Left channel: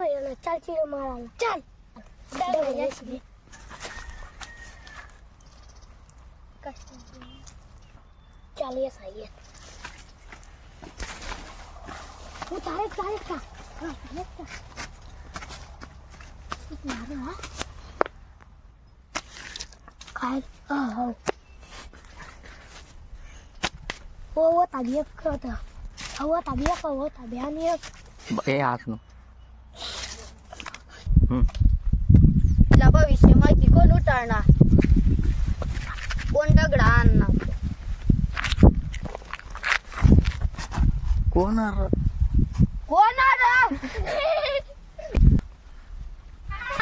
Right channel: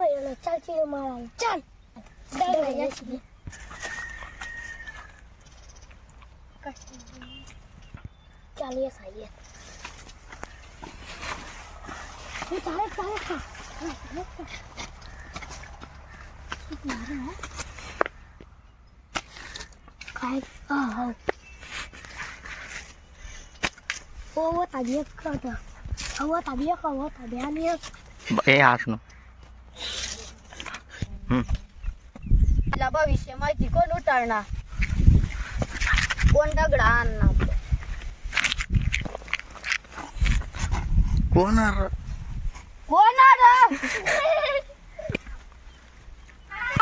चल चिरो मारायला चल चल ये सही है चालेल का काय हो वो tadi ke tuh tadi ani asno भविष्य माहिती कोण उतारणार कोण दगडा आणणार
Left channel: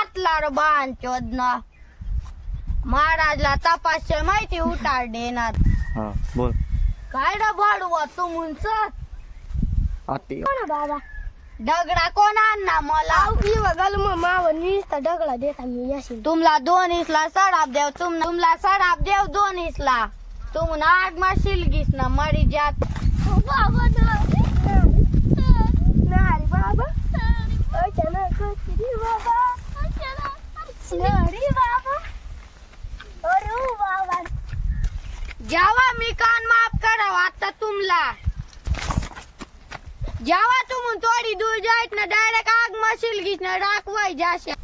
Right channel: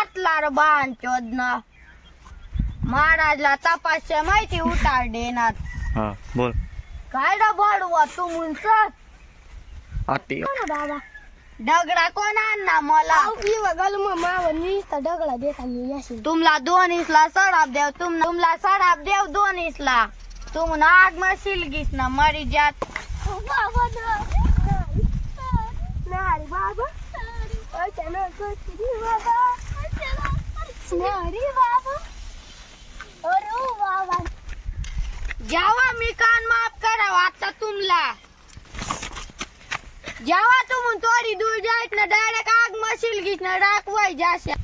कोणार बाण चोदना महाराजला तपासच्या माहिती उतार देणार हा बोल काय भाडवा तुमच आती बाबा दगडा कोण आणणार मला बघाल मावनी दगडा देत आम्ही याशी तुमला 2 सडाप देव तुमला सडाप देव 2 तुम नाग मशील गीस ना मरी जात बाबा नाही बाबा अचानक बाबा नाही बाबा अरे बाबा जेव्हा मी कान माफ करा आता तुमला जेव्हा तुम थोडी दूर जायत ना डायरेक्ट आग मशील गीस ना राखवाय जाशा